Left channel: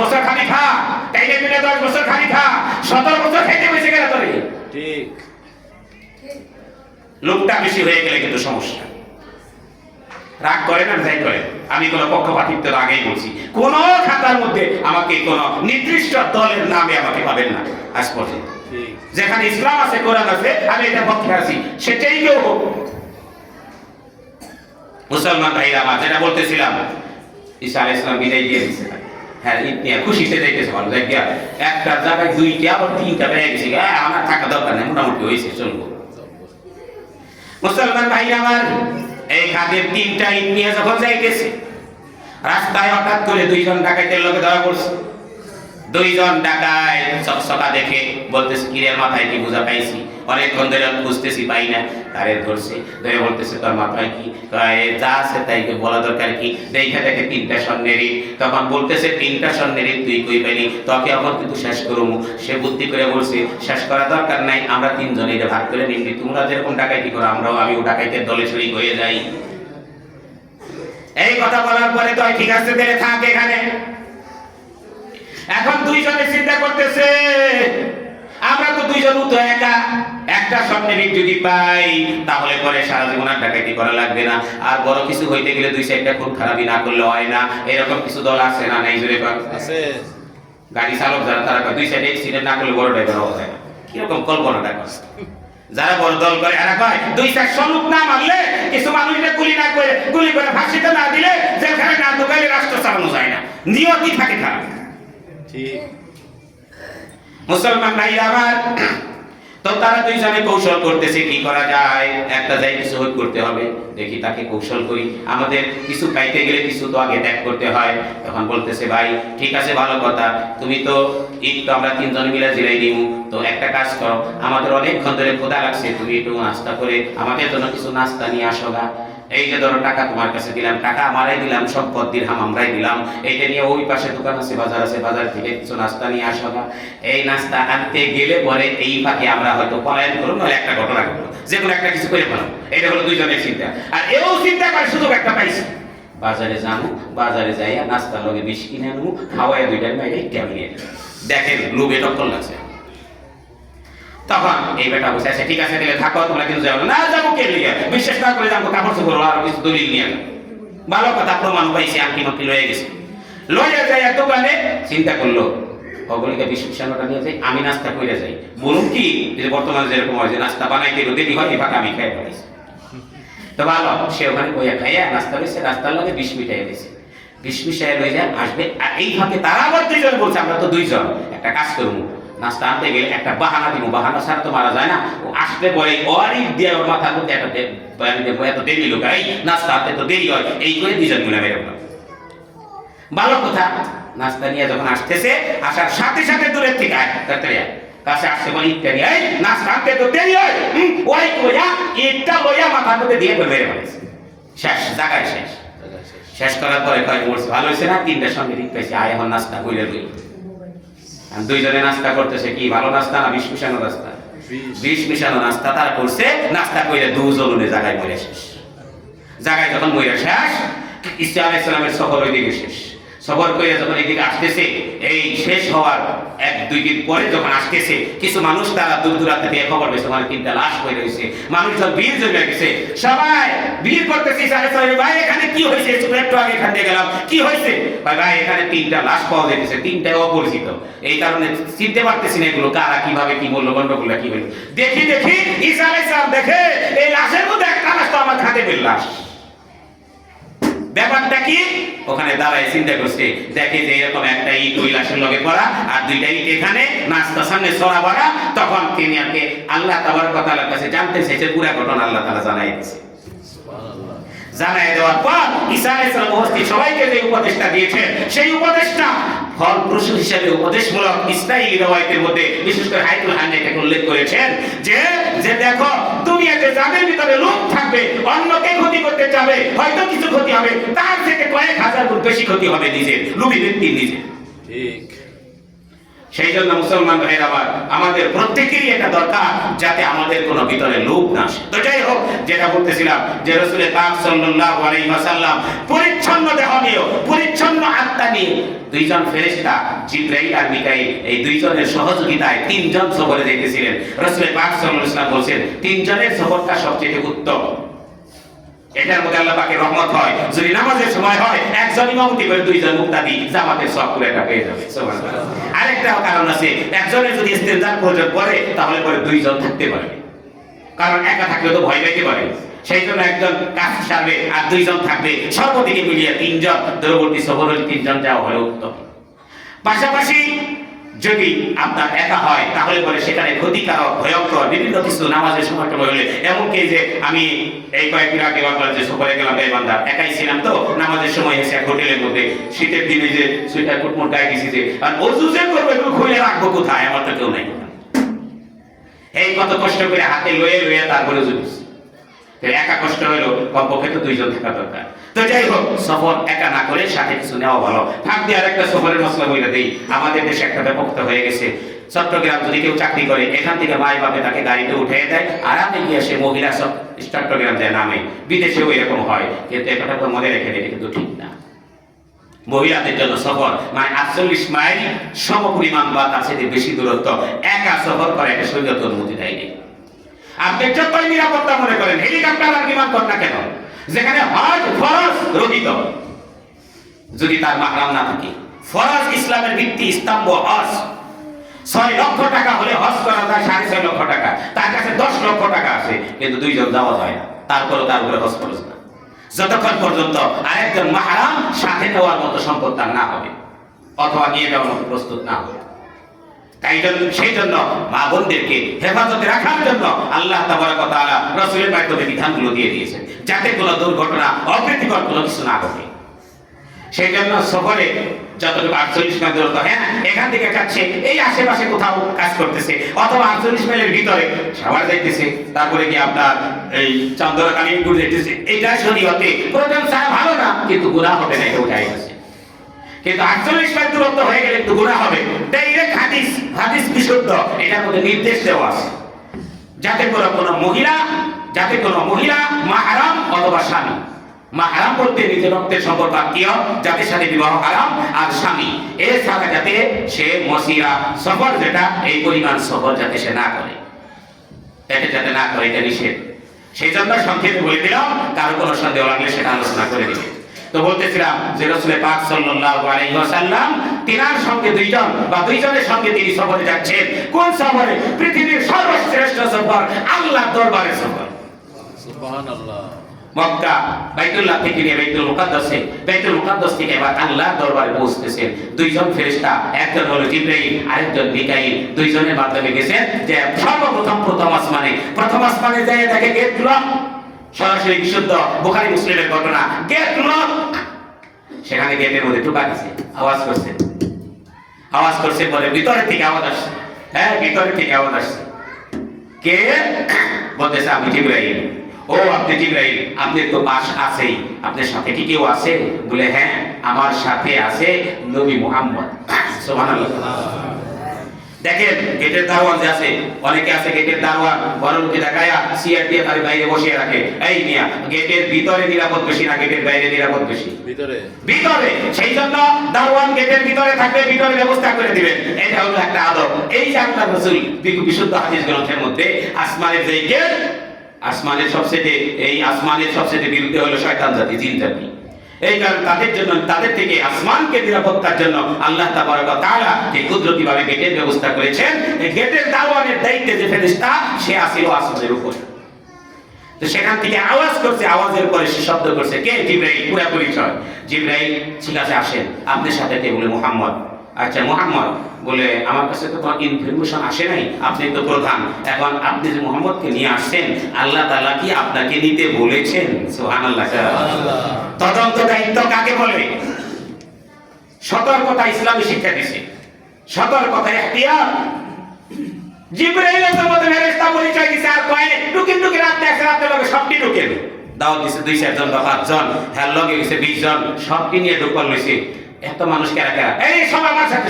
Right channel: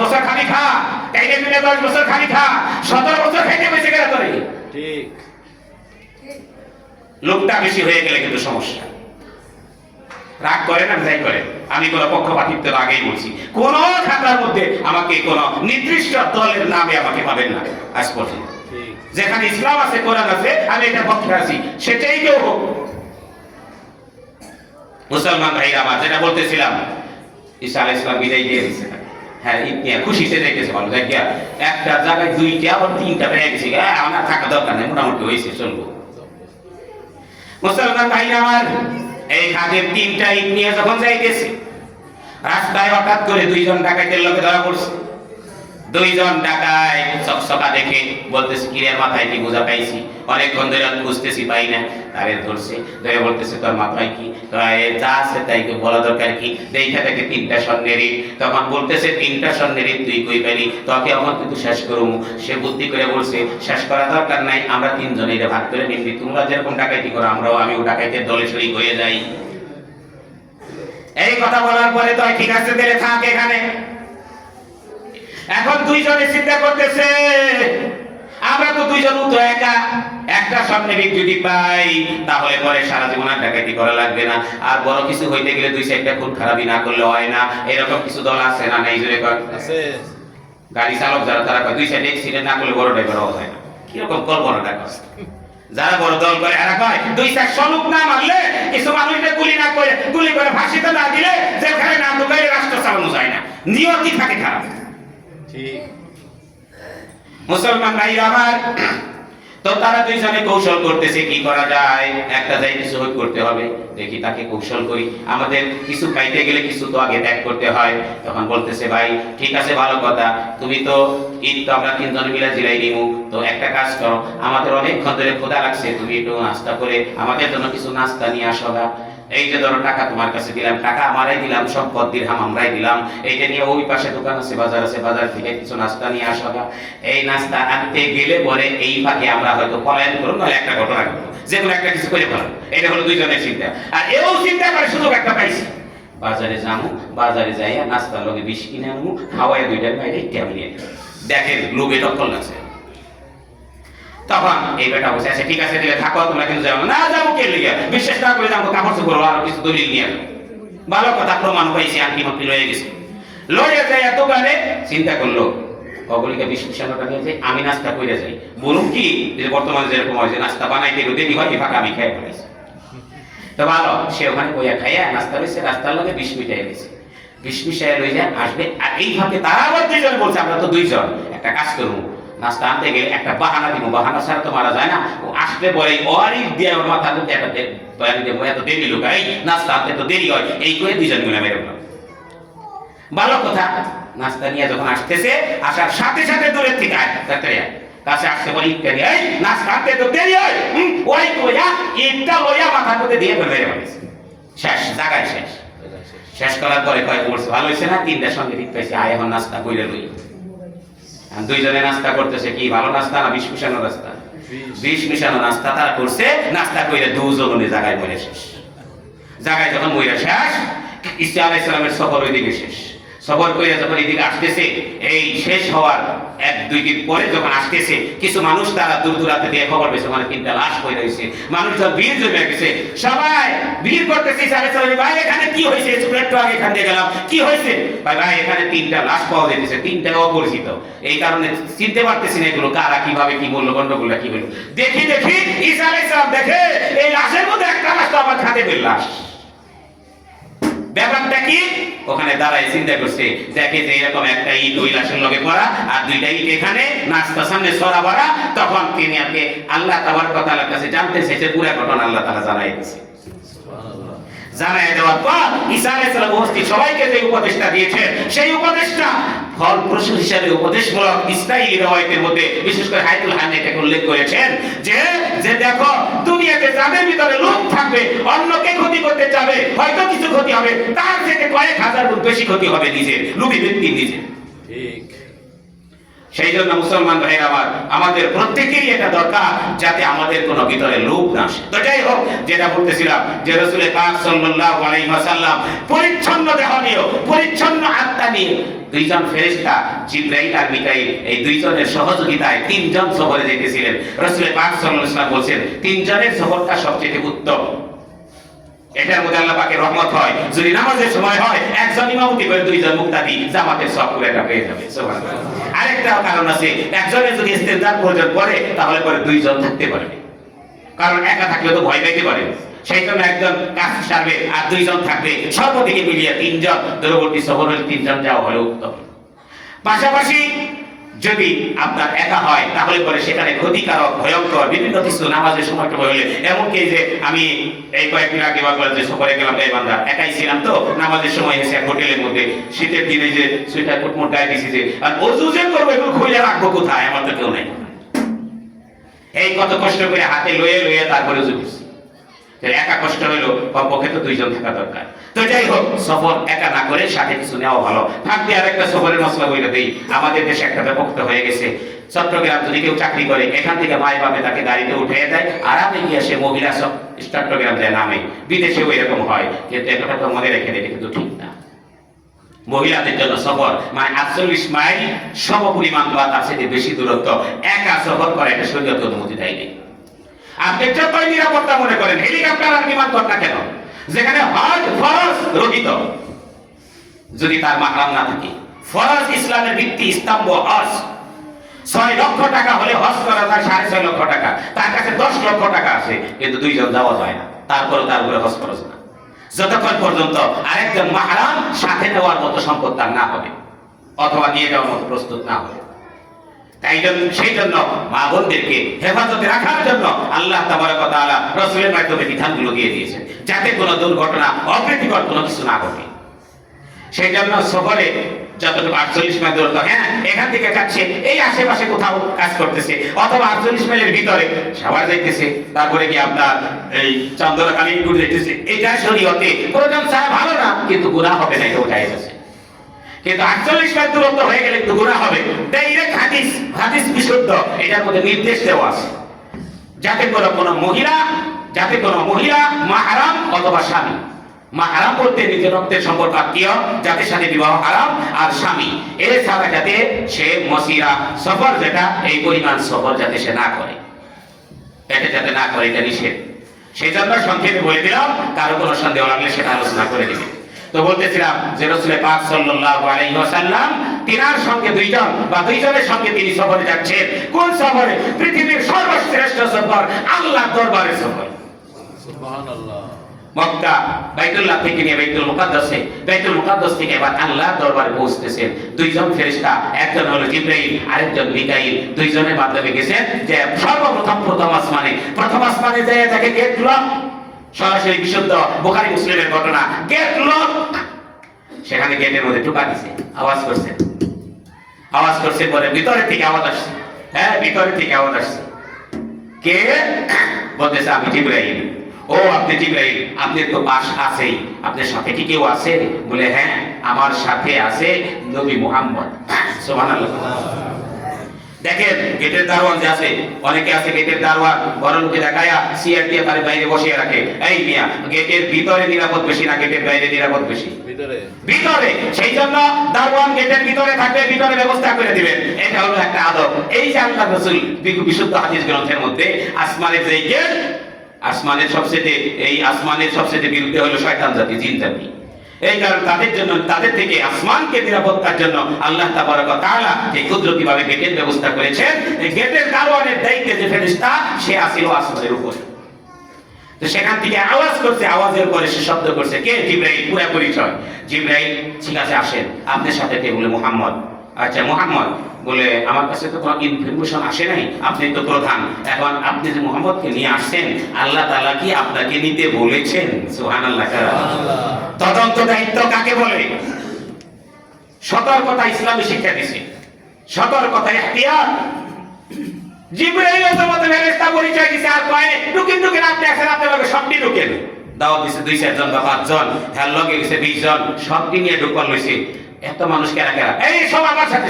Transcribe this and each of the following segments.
বছর খালি খা, তাইলে মিলে 10 বছর খালি খা, 17 বছর খাইতে বেঁচে গেলে তোরে। ঠিক। লোকটা বেশি হয়ে গেলে কিন্তু সমস্যা। রাগ করে না, যাই করে, আমি কোনো পক্ষপাতিত্বের আগেই বলছি, কোন খাতার মধ্যে আমাকে কোন নির্দিষ্ট দলের নামে আমাকে পাবেন না আজ পর্যন্ত। যেখানে ইসলাম আছে, কোরআন আছে, আমি এটা পক্ষে আছি, সেটাই কেউ হোক। মুসলমান ভাইরা আমার, যেটা বলতেছিলাম, ঈসা আলাইহিস সালাম বিদায় দিয়ে দিয়েছে। হ্যাঁ, ইতনিয়া খুশিতে যাইতেছে, ভালো দেখিয়া একটা জায়গায় 2টা আবার 3টা বেড়ে গেছে, আমার থাকা দরকার নেই, মোটামুটি হয়েছে, চলবো। মুসলমান ভাইরা আমার, এই খাদের 3টা ইট নিয়ে যখন যাইতেছে, রাস্তায় হঠাৎ করে 2 জন ডাকাতের লোকে ধরা পড়ছে। 2 জন ডাকাত চকচকা দেখে বলতেছে, কিরে মাথায় কি বোঝা পাইছি, অনেকক্ষণ ধরে বুঝতেছি পাই না। তারে ধরছে, ধরে বলতেছে, তোর মাথায় কি যা আছে তাই বলা দরকার কি, দেখা দেখে 3টা স্বর্ণের ইট। তখন বলতেছে, 3টা স্বর্ণের ইট তুই কই পাইলি, তোকে এখন কিন্তু শেষ করবো। সে বুদ্ধি করে বলছে, শেষ করা দরকার নাই, আমরা 3 জন এটা ভাগ করে নিবি, তোমরা যেরকম ডাকাইতি করো আমরাও আমিও ডাকাইতের দলে শরীক হয়ে যাই। এই কথা বলার পরে তো ঠিক আছে, তাহলে থাক এখানে। এখন 2 জনে চিন্তা করতেছে, আমরা তো 2 জন তো একা, একটা স্বর্ণের ইট যদি পাই তাহলে পরে সারা জীবন আর ডাকাতি করা লাগবে না, আর বড় কিছু হইতে গেলে 2-4টা খুন খারাপি না করলে হয় না। এরকম কিছু দল আছে না, নাই জুড়ে আছে গাড়ি চালক যারা, তারা 2 সাইডে অ্যাক্সিডেন্ট না করলে বড় ড্রাইভার হওয়া যায় না। কিরকম কল্পনাটা করছে যারা বড় দল করে, এরা কয় 2-400 লোক না মারলে, কিছু মানুষকে গুলি করে ফাঁসিতে না দিলে, যেখানে না ঢুকাইলে রাষ্ট্র চালানো যায় না, নিয়তি থাকে খারাপ। মুসলমান ভাইরা আমার, তো তারা 2 জনে কৌশল করতেছে কি করা যায়, একটা যাই কিছু হই করতে হবে, দেখি তাকে কৌশল করি, আমাদের কিছু পাইতে গেলে কিছু তো আগে ত্যাগ করতে হয়। তখন বলতেছে, ভাই ঠিক আছে, ভালো কথা, তুমি তো ঈদ তো আমরা 3 জনে মিলে জিরাই নিমু, তো একটা কাজ করো, আমাদের অনেকক্ষণ ধরে ক্ষুধা লাগছে, তুমি একটু নাস্তা করে আমাদের জন্য কিছু নাস্তা নিয়ে আসো না। এই যে ধরো টাকা তোমার কাছে দিলাম, টাকা আমারাই দিলাম, সম্পদ দিরহাম আমরাই দিলাম, এইটা নিয়ে ওই পাশে দোকান আছে, বাজার আছে, বাজার থেকে কিছু নাস্তা নিয়ে আসো না। এই নাস্তা আনতে গেলে পরে এই ফাঁকে আমরা হয়তো পলায়ন করবো, নাহলে একটা ঘটনা ঘটবো, যে কোনো একটা কিছু করে ফেলবো। এটা হলো 2 জনের চিন্তা। আর এও চিন্তা করে সুযোগ একটা পাইছি, বাজারে যাবো, বাজারে যাইয়া নাস্তার লগে 20 কিনে নেবো, খাওয়াই 2টার বাইরে টেবিল নিয়ে দেখেন লোভে টক্কর লাগছে। তখন এই বেটা বলছে, আচ্ছা ঠিক আছে, দিলে থাকো, তোমরা কিন্তু যাবো না, যাবো কে লিগে, বিশ্বাস না করে যাবো, কাপড় চোপড় আর কিছু দলিল নিয়ে। ভালো কথা, প্রমাণ পাইছি, আংটি মাংটি লয়ে গেছে, লয়ে যাই দোকানে, চিন্তা করলো অগলিকা 20 টাকা নিয়ে যাই, আমি নাস্তা করে যাই, বলুন কি বর্তমানে যেরকম হয় যে নাস্তা বানাইতে দেরি হয়, এবার আমি খাই ফেলাইছি। তো ভালো, সে ওখানে বইয়া খাইয়া নাস্তা রয়েছে, রাস্তার লগে 20 মিটাই রয়েছে, 20 মিটাই রয়ে যায়, আসবে। আর এই ফাঁকে তারা আবার 2 জন বলছে, আমরা তো 2 জন, একটা কাজ করবো, নাস্তা আনতে গেলে একটা বাহানা দিব, বাহানা ছাড়া তো মারা যায় না, ও আসলে পরে অনেক দিয়ে মাথার মধ্যে একটা এত দেরি লোক, এই নাস্তা আনতে তো দেরি হয়, এই করে 2 জন মিলে মেরে ফেলাম। ভালো কথা, নাস্তা নিয়ে যখন আসতেছে, আসার সাথে সাথে দূরের থেকে কাছে আসতে পারি, ইত্যাদি, এই নাস্তা আনতে তো দেরি হয়, ওই কইয়া ইটটা লইয়া মাথার মধ্যে দিয়ে মেরে ফেলেছে। শেষ, জায়গায় শেষ। শেষ করার পরে কয় বলছে, ভালো হয়েছে না, 3টার সঙ্গে ঠিক পাইছি, আয় এখন নাস্তা কইরে লই। 2 জনে নাস্তা করতেছে, কি ভালো নাস্তা না 20 মিশানো নাস্তা? 20 মিশানো নাস্তা তারা করছে, নাস্তা কইরে 2 জনে জায়গায় মরে শেষ। জায়গায় যখন মরে শেষ, ঈসা আলাইহিস সালামের সফর ওইদিকে শেষ। সফর করে যখন এদিকে আসতেছে, এই শেষ হওয়ার 1-2 দিন পরে যখন আসতেছে, কিছু মানুষ তারা দূর দূরান্তে দিয়ে খবর পেয়েছে, মানে 3টা লাশ পড়ে রয়েছে, মানুষজন ভিড় জমে গেছে, সবাই ভিড় করতেছে, ঈসা আলাইহিস সালাম, ভাই এখানে কি হয়েছে, একটু আগে এখান দিয়ে গেলাম, কি হয়েছে? ভাই এখানে 3টা লাশ পাওয়া যাইতেছে, 3টাই অপরিচিত, এই কারণে চিনতে পারতেছি না এগুলো কারা, কিভাবে কি বললো, গন্ডগোলটা কি হইল। দেখি ঈসা আলাইহিস সালাম দেখে এই লাশের মধ্যে একটা লাশ তো আমার খাদেমের লাশ। ব্যাপারটা কি? ওখানে দাঁড়ায় চিন্তা করছে, দেখে যে এরকম একটা ইট ওই লাশের লগে করা, আর 2টা ইট এখানে, নাস্তা সামনে ছড়া ভরা। তখন তিনি আগে আল্লাহ তাবারক ওয়া তাআলার কাছে জানতে চাইছে, পুরো ঘটনা আল্লাহ তাআলা জানাই দিয়েছে। জানাই দেওয়ার পর ঈসা আলাইহিস সালাম উপস্থিত সবাইকে যে উপদেশটা দিয়েছেন, সেই উপদেশটা ফলপ্রসূ হিসেবে উপদেশমূলক ইসরাঈলী রওয়ায়াতের মধ্যে বিশেষ করে হায়াতুল হান্নাহ এটাকে উল্লেখ করেছেন, যে দেখো দুনিয়াতে যাদের ভিতরে লোভ থাকবে, অন্যকে ক্ষতি করতে যাবে, হয়তো কিছু ক্ষতি হবে, তার থেকে কয়েক হাজার গুণ বেশি ক্ষতি হবে নিজের, লোভী ব্যক্তির নিজের। ঠিক সেই জন্য মুসলমান ভাইয়ের আবার আমাদের প্রত্যেকেরই এটা দরকার যাতে আমাদের কোনো ভিতরে লোভ না আসে। তো যাই হোক, যেটা বলতেছিলাম যে রাসূল পাক সাল্লাল্লাহু আলাইহি ওয়াসাল্লাম পরিচ্ছন্ন দেহ নিয়ে, পরিচ্ছন্ন আত্মা নিয়ে দুইজন ফেরেশতা জিবরাইল আর মিকাইল এই দুইজনের সহযোগিতায় তিনজন সফরে যেতেছিলেন। রাসূল পাক সাল্লাল্লাহু আলাইহি ওয়াসাল্লাম বলেন তিনজনের সফরটা সবচেয়ে উত্তম। এটার মধ্যে আল্লাহ পাকের রহমত হয়। যদি নামাজের সময় হয় একজন ইমামতি করে দুইজন মুক্তাদি জামাতের সব করে এটা পেয়ে যাবে। সুবহানাল্লাহ। আরেকটা কারণ আছে, একজনের যদি ইস্তেনজার প্রয়োজন পড়ে তাহলে পরে দুইজন থাকতে পারবে, কারণ একা থাকলে তো ভয় পেতে পারে। সেই জন্য একজন কাজ সারবে আর দুইজন থাকবে, সর্বদিকে মিলিয়ে তিনজন। দূরবর্তী সফর হলে তিনজন যাওয়া হলে উত্তম। পাশাপাশি যদি আপনার একা হয় তাহলে পরে সেখানে ক্ষতিকারক ভয়ঙ্কর বিভিন্ন কিছু নামাজের সময় হলে, এমনকি যে আমি এই কয়েকদিন আগে যে সফরে গেলাম গাইবান্ধা, একাই ছিলাম তো নামাজের সময় এসে এক হোটেলের মধ্যে শীতের দিনে যে সুইটার টুটমুট গায়ে দিয়েছি যে আর অজু যে করবো এগুলো খুলে রাখবো কোথায়, আমার তো কেউ নাই। এই কত কষ্ট করে হাতে লয়ে লয়ে তারপরে জুড়েছি। একা কষ্ট হলো, কমপক্ষে তো দুইজন থাকা দরকার। তো যাই হোক, সফর একা না করে সাথে কিছু নেওয়া ভালো। থাক দিয়ে আরেকটা সফরের মশলা বলে দেই। আমাদের দেশে একটা ব্যাপকত হয়ে গেছে, চট্টগ্রাম যদি কেউ চাকরি করে এখান থেকে মায় বাপে তাকে গাড়িতে উঠিয়ে দেয়, আরামে গিয়ে সে মহিলা সব চট্টগ্রাম যায় নামে। বিদেশেও এরকম হয়, কিন্তু এটা তো মনে রেখে দেয়, কিন্তু ঠিক না। মহিলাদের জন্য সফর মানে 48 মাইল সমপরিমাণ বা তার সাথে বেশি দূরত্ব একা সফর করা, এটা শরীয়ত অনুমতি দেয়নি। আপনি যতই নিরাপত্তা মনে করেন, হেলিকপ্টার আর বিমান কর না কেন, যেখানে হজ ফরজ রহিত, যদি তার মাহরাম না থাকে, ফরজ ইসলামের ভিত্তি স্তম্ভ হজ। 6 লক্ষ টাকা হলে হজ করা যায়, 6.5 লক্ষ টাকা, তার কাছে 10 লক্ষ টাকা আছে, কিন্তু দুইজন যাওয়া যায় না। তারপরে তার উপরে হজ ফরজ না, যতক্ষণ পর্যন্ত আরেকজন মাহরাম সাথে নেওয়ার মতো সম্পদ তার না হবে, অথবা নিয়ে যাওয়ার মতো প্রস্তুত না হবে। তাই সেই জন্য মা বোনদেরকে হেফাজতে রাখার জন্য আল্লাহ তাবারক ওয়া তাআলা রাসূলের মাধ্যমে বিধানগুলো দিয়ে দিয়েছেন, যাতে কোনো দুর্ঘটনা অপ্রীতিকর কোনো কিছু না ঘটে। সেই জন্য সফরে যতটুকু 48 মাইল দূরত্ব, হ্যাঁ এখান থেকে যাচ্ছে এই আশেপাশে কোথাও কাজ করতেছে, অথবা 48 মাইলের ভিতরে সবার যাইতেছে, তারপরে কি আপনার এই চন্দনা কালীপুর যাইতেছে, এইটা শরীয়তে প্রয়োজন ছাড়া ভালো না, কিন্তু গুনাহ হবে না, এটাও জায়েজ আছে। কিন্তু 48 মাইল দূরত্ব হয়ে গেলে একটু গুনাহ হবে। ডাইরেক্ট হাদিস বিশুদ্ধ, এটার মধ্যে নির্দেশ দেওয়া আছে যাতে কোনো মহিলা মাহরাম অথবা স্বামী, মাহরাম বলতে নিজের রক্তের সম্পর্ক আত্মীয়, যাদের সাথে বিবাহ হারাম, আর স্বামী এর সাথে যাতে সে মসিরা সফর, যেটা এই পরিমাণ সফর যাতে সে না করে, এটা যাতে না করে, এটা নিষেধ। সেই জন্য সংক্ষেপে বলে দিলাম, কারো কোনো সন্দেহ লাগলে সেটা আলোচনা করে দিবে। তো বলতেছিলাম যে রাসূল পাক সাল্লাল্লাহু আলাইহি ওয়াসাল্লাম তিনার সঙ্গে দুইজনের সঙ্গে তিনি সফরে যাচ্ছেন। কোন সফরে? পৃথিবীর সর্বশ্রেষ্ঠ সফর, আল্লাহর দরবারের সফর। সুবহানাল্লাহ। মক্কা বাইতুল্লাহ থেকে নিয়ে বাইতুল মুকাদ্দাস থেকে এবার আল্লাহর দরবারে পৌঁছতেছেন দুইজন ফেরেশতা, একজন হলো জিবরাইল, আরেকজন মিকাইল। দুইজনের মাধ্যমে গেছেন যে সর্বপ্রথম প্রথম আসমানে যায় তাকে গেট লক, সরাসরি বিশুদ্ধ বুখারী মুসলিমের ঘটনা, গেট লক। সেখানে গেটের মধ্যে টোকা দিছে, আওয়াজ করছে বলে ভিতরের থেকে আওয়াজ আসছে। হ্যাঁ, ভিতরের থেকে আওয়াজ আসছে। কে? বলতেছে আমি জিবরাইল। ও আপনি জিবরাইল, আপনি তো পাশ আছেই, আপনার সাথে কি কেউ আছে? বলে হ্যাঁ, আমার সাথে আছে নবী মুহাম্মদ। সুবহানাল্লাহ। দেখেন গেটের দারোয়ান যে আছে, অনেকে আছে গেটের দারোয়ান বড় লোকে দেখায়া সিআর দিয়ে তার বাইরে বসিয়ে রাখে। এই মিয়া, গেটের ভিতরে নিরাপদ বেশি না গেটের বাইরে নিরাপদ বেশি? ভিতরে। সেই জন্য দারোয়ান গেটের ভিতরে থাকবে, ভিতরে ব্যবস্থা করে দিবেন। এটা হলো একটা আদব। এই যে আল্লাহর রাসূল বিশুদ্ধ হাদিস গ্রন্থের মধ্যে আসমানের যে গেট, আসমানের সবচেয়ে বিরুদ্ধে হলো শয়তান জাতি, জিন জাতি। এই কারণে তাদের থেকে আসমানকে নিরাপত্তার জন্য আল্লাহ তাবারক ওয়া তাআলা যে কুদরতিভাবে গেটের ব্যবস্থা করেছেন। এই গেটের দারোয়ানের দায়িত্বে যে ফেরেশতা, সে আসিল আসমানের উপর। তো সেখান থেকে আওয়াজ করছে, আওয়াজের পরে সে শব্দ করছে, কে? জিবরাইল। পুরা পরিচয়। জিবরাইল, ঠিক আছে আসেন, আপনার সাথে কে? বলে মুহাম্মদ। আচ্ছা মুহাম্মদ, বলে আমার কাছে তো কোনো ইনফরমেশন আসে নাই, আপনি তো প্রধান, এখন আপনি যে মুহাম্মদকে নিয়ে আসছেন, আল্লাহ তাআলা কি আপনাকে নিতে বলেছেন? সুবহানাল্লাহ। তদন্ত দায়িত্ব কাকে বলে? সতর্কতা ইসলামী শিক্ষা দিছে, সতর্কতা ইখতিয়ার। জিবরাইলের জগতে ফেরেশতা পরিচয় দিছে, আর কয় টুকিন আপনি একসাথে আপনার লগে সবটি ঢুকেন। দাওয়াত দিছে 2-4 জন বা 5 জন, হ্যাঁ লগে গেছে 20 জন, সবটি নিয়ে ঢুকল লইছে। এত মানুষ কারা? এই সব আমার সাথে।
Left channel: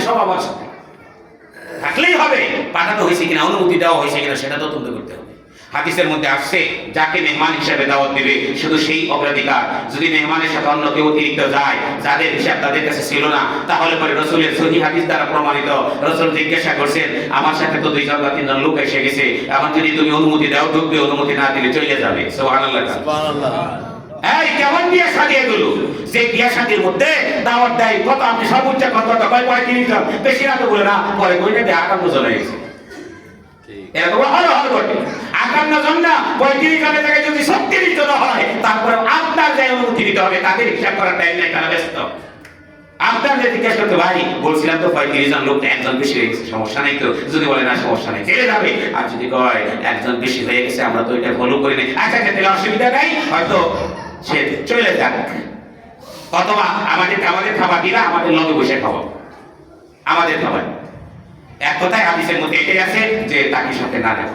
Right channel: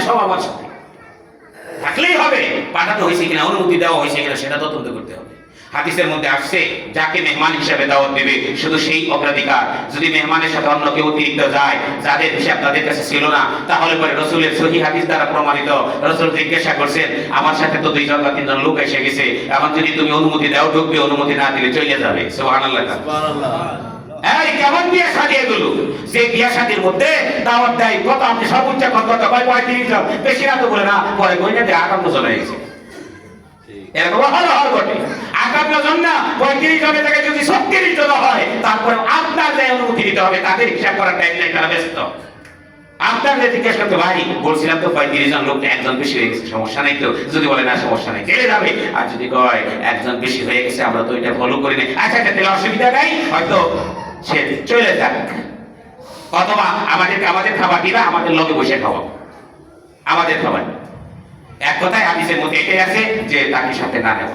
থাকলেই হবে, পাঠানো হয়েছে কিনা, অনুমতি দেওয়া হয়েছে কিনা সেটা তদন্ত করতে হবে। হাদিসের মধ্যে আসছে যাকে মেহমান হিসেবে দাওয়াত দেবে শুধু সেই অগ্রাধিকার। যদি মেহমানের সাথে অন্য কেউ অতিরিক্ত যায়, যাদের হিসাব তাদের কাছে ছিল না, তাহলে পরে রাসূলের সহিহ হাদিস দ্বারা প্রমাণিত, রাসূল জিজ্ঞাসা করছেন আমার সাথে তো 2 জন বা 3 জন লোক এসে গেছে, এখন যদি তুমি অনুমতি দাও ঢুকবে, অনুমতি না দিলে চলে যাবে। সুবহানাল্লাহ, সুবহানাল্লাহ। এই কেমন বিয়া শাদী এগুলো, যে বিয়া শাদীর মধ্যে দাওয়াত দেয় কত, আপনি সর্বোচ্চ কত কয় 35 জন, বেশি না তো বলে না, পরে কইটা দিয়ে 58 জন হয়ে গেছে। এরকম হলো ঘটে 58 জন না, 35 জনের জায়গায় যদি 36 জন হয়, তারপর আপনার যে অনুমতি দিতে হবে, তাদের হিসাব করার টাইম নাই, তারা ব্যস্ত। আপনার যে জিজ্ঞেস করতে ভাই বলছিলাম তো 35 জন লোক, একজন বেশি হয়ে গেছে, সমস্যা নাই তো? যদি বলে না সমস্যা নাই, চলে যাবে। আর যদি কয় একজন বেশি হয়ে গেছে, আমরা তো এটা ফলো করি না, আচ্ছা তাহলে অসুবিধা নাই, হয়তো সে চলে যাক। অথবা আমাদের খাবার দিনা আমাদের লগে বসে খাওয়া, আমাদের খাবার। এক কথায় হাদিসের মধ্যে এটাই আছে যে তাকে সাথে না নেব,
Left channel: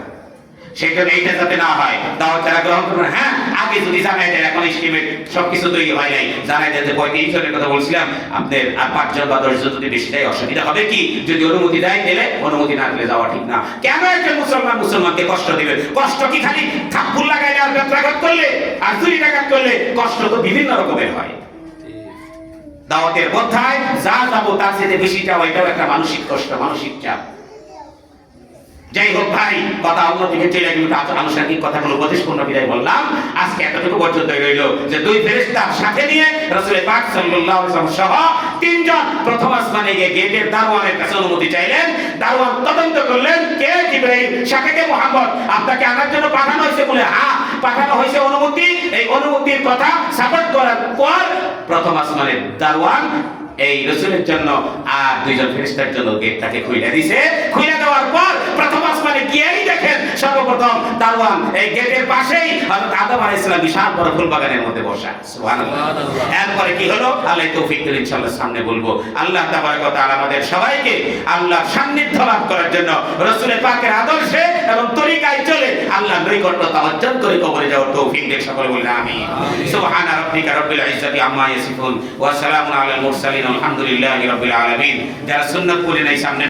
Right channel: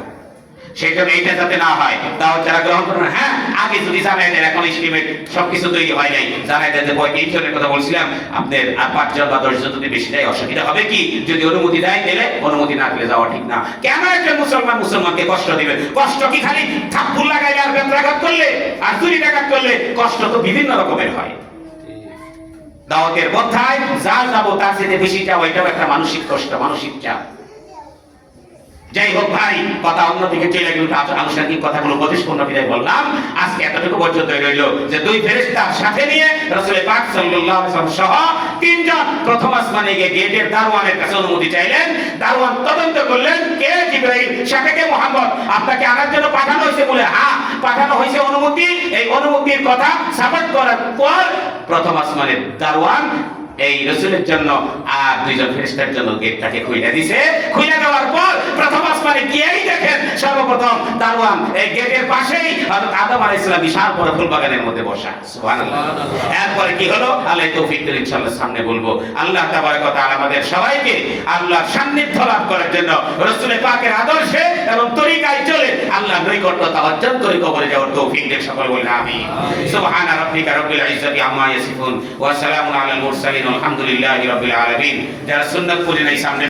সেই জন্য এইটা যাতে না হয়। দাওয়াত যারা গ্রহণ করবেন, হ্যাঁ আগে যদি জানাই দেন, এখন এস্টিমেট সবকিছু তৈরি হয় নাই, জানাই দেন যে 35 জনের কথা বলছিলাম, আপনার আর 5 জন বা 10 জন যদি বেশি দেয় অসুবিধা হবে কি? যদি অনুমতি দেয় দিলে, অনুমতি না দিলে যাওয়া ঠিক না। কেন একজন মুসলমানকে কষ্ট দিবেন? কষ্ট কি খালি থাপ্পড় লাগাইলে আর বেত্রাঘাত করলে আর চুরি ডাকাত করলে? কষ্ট তো বিভিন্ন রকমের হয়। দাওয়াতের কথায় যা যাবো তার চেয়ে বেশি যাওয়া, এটাও একটা মানসিক কষ্ট, মানসিক চাপ। যাই হোক ভাই, কথা অন্যদিকে চলে গেল, আনুষ্ঠানিক কথাগুলো উপদেশপূর্ণ বিদায় বললাম। আজকে এতটুকু পর্যন্ত রইল যে 2 ফেরেশতার সাথে নিয়ে রাসূল পাক সাল্লাল্লাহু আলাইহি ওয়াসাল্লাম সহ 3 জন প্রথম আসমানে গিয়ে গেটের দারোয়ানের কাছে অনুমতি চাইলেন। দারোয়ান তদন্ত করলেন, কে জিবরাইল, সাথে কে মুহাম্মদ, আপনাকে আমার জন্য পাঠানো হয়েছে বলে, হ্যাঁ পাঠানো হয়েছে অনুমতি। এই অনুমতির কথা সাপোর্ট করার পর প্রথম আসমানের দারোয়ান এই রাসূলের জন্য আর 2 জন ফেরেশতার জন্য গেটটাকে খুলে দিয়েছে। খুলে দেওয়ার পর প্রথম আসমানে গিয়েই দেখেন সর্বপ্রথম দারোয়ান এই গেটের পাশেই হযরত আদম আলাইহিস সালাম বিশাল বড় ফুল বাগানের মধ্যে বসা। সুবহানাল্লাহ। এরপরে কি হলো আল্লাহ তৌফিক দিলে ইনশাআল্লাহ সামনে বলবো। আল্লাহ তাবারক ওয়া তাআলা আমাদের সবাইকে আল্লাহর সান্নিধ্য লাভ করার জন্য রাসূলের পাকের আদর্শে এবং তরিকায় চলে আল্লাহর নৈকট্যতা অর্জন করে কবরে যাওয়ার তৌফিক দেন। সকলে বলেন আমিন। সুবহান রাব্বিকা রাব্বিল ইজ্জাতি আম্মা ইয়াসিফুন ওয়া সালামুন আলাল মুরসালিন আলহামদুলিল্লাহি রাব্বিল আলামিন। যারা সুন্নাত পড়ে নাই সামনে